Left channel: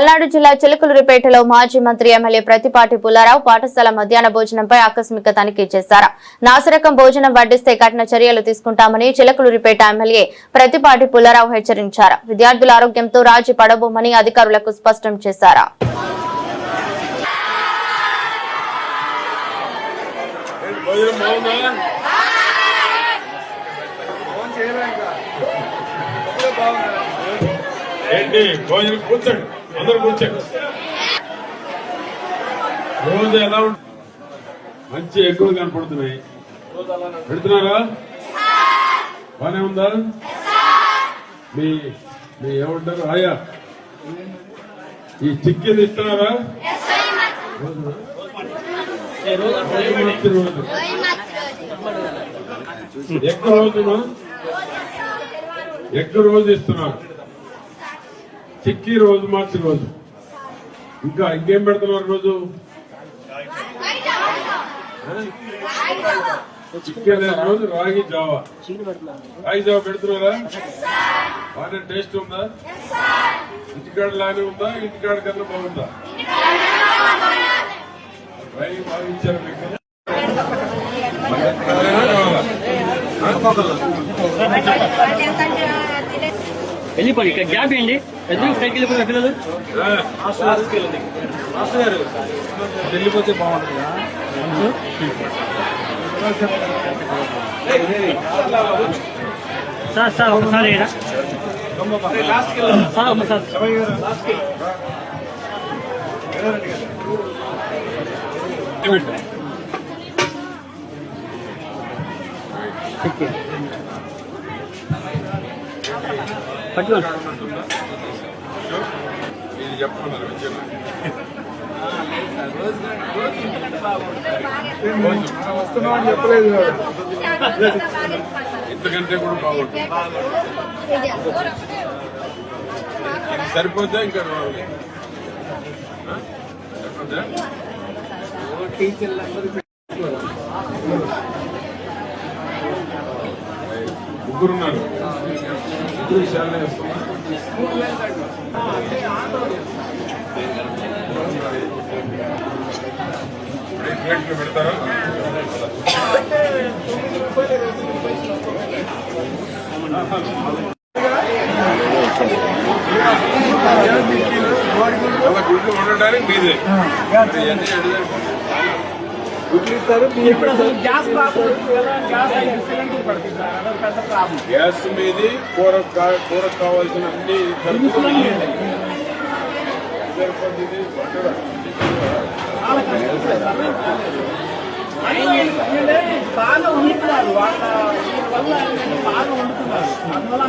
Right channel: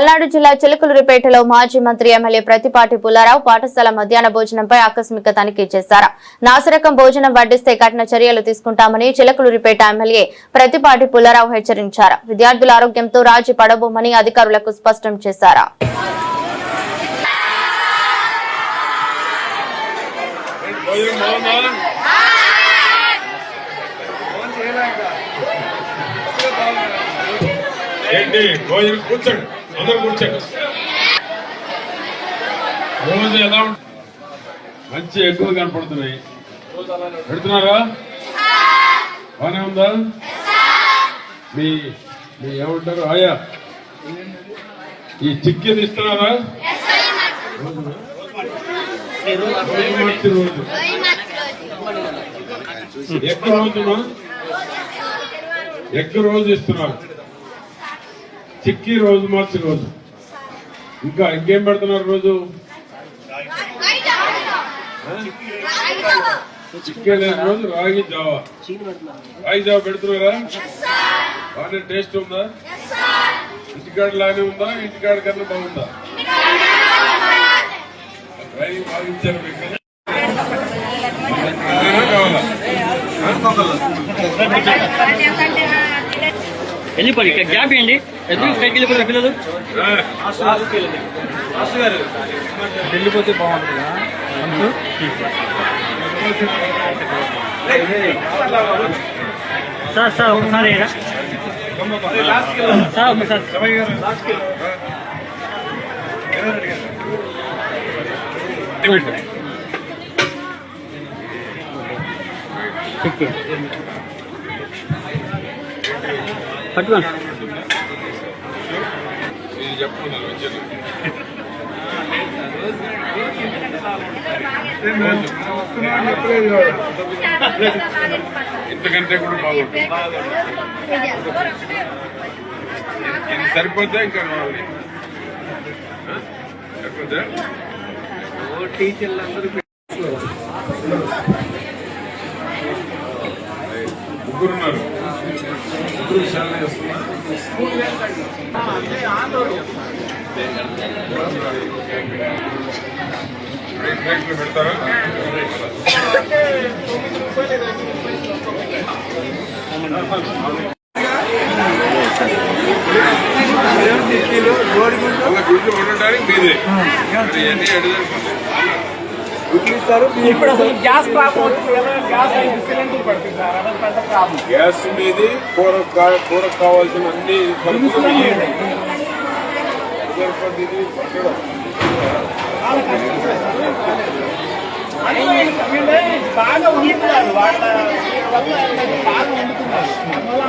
పల్నాడు జిల్లా చిలకలూరిపేటలో మాజీ మంత్రి ఎమ్మెల్యే ప్రతిపాటి పుల్లారావు పాఠశాల మధ్యాహ్న భోజనంపై ఆకస్మిక తనిఖీ చేశారు. నాసిరకం భోజనం వడ్డిస్తే కఠిన చర్యలు తీసుకుంటామని చిలకలూరిపేట ఎమ్మెల్యే ప్రతిపాటి పుల్లారావు హెచ్చరించారు. విద్యార్థుల ఆరోగ్యంతో రాజీ పడబోమని అధికారులకు స్పష్టం చేశారు. కూర్చోండి, అందరూ కూర్చోండి. రోజు ఎలా మంచి ఎక్కువ కనపడుతున్నాయి. పెడుతున్నారా? బానే ఉందా? మీ ఏమంటారు ఆయా ఈ చిక్కిది ఇస్తున్నారా? ఎక్కువ రోజు ఇస్తున్నారు. చిక్కి రోజు మార్చి రోజు ఇంకేం పెడుతున్నారు? రోజు చిక్కే రోజు రాగి జావా పెడుతున్నారా? బాగా టేస్ట్ ఉందా? ఇంటికాడ లానే ఉందా? ఇంటికాడ కన్నా బాగుందా? రాగి బాగా ఇచ్చారు మీకు. వెళ్ళిపోయి ఇక్కడ గ్యాప్ ఇవ్వండి. వెళ్ళిపోతారు పిల్లలు. వెళ్ళిపోతే బాగుంటుంది. సార్ ఒకసారి పట్టుకోండి. ఇంతకంటే కూడా బాగుంటుంది. ఇది సరిపోతే ఇంకా సరిపోతే టీచర్లందరూ ముగ్గురున్నారు. ముగ్గురు విషయాలు వేస్తున్నా. పెడతారా? అలా గుడ్లు ఉండడానికి మీదే ఇవన్నీ అడిగిపోతాయి. గ్యాస్ ఉండేది, కూర కావాల్సిన అన్ని సరిపోతుంది. బాగా వండుతున్నారు. వాళ్ళ వల్ల బాగా వండుతున్నారు. అందువల్ల